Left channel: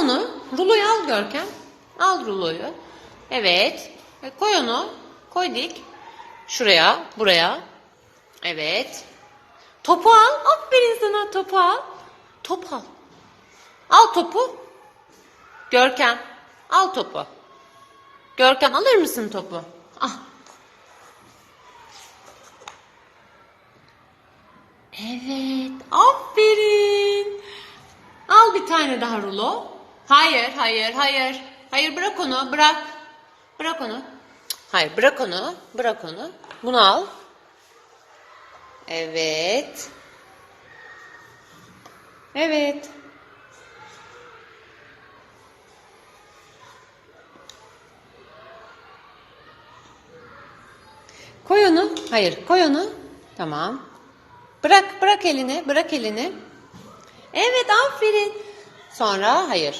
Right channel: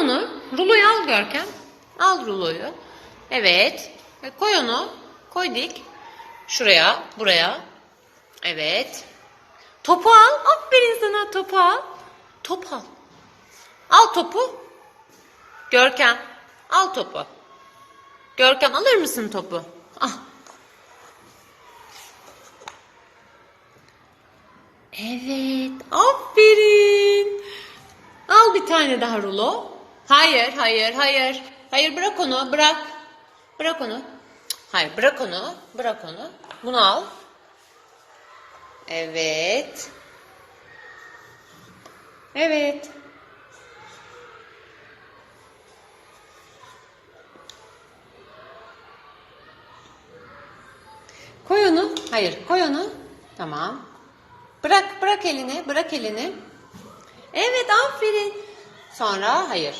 Onu, ruloyu al Görkem. Al ruloyu. Evet. E, koy onu. Koy dik. Şuraya, buraya. Evet. Topu al. Aferin sana topu al. Top al. Al topu. Görkem. Al topu. Görkem alır mısın topu? Al. Evet. Aferin. Al bir tane daha rulo. Hayır, hayır, hayır. Hayır bırak onu, bırak. Bırak onu. Hayır, bırak onu. Bırak onu. Bunu al. Evet. Evet. Koy onu. Hayır, koy onu. Tamam. Bırak, bırak elini, bırak elini. Evet, aferin. Sonra hayır.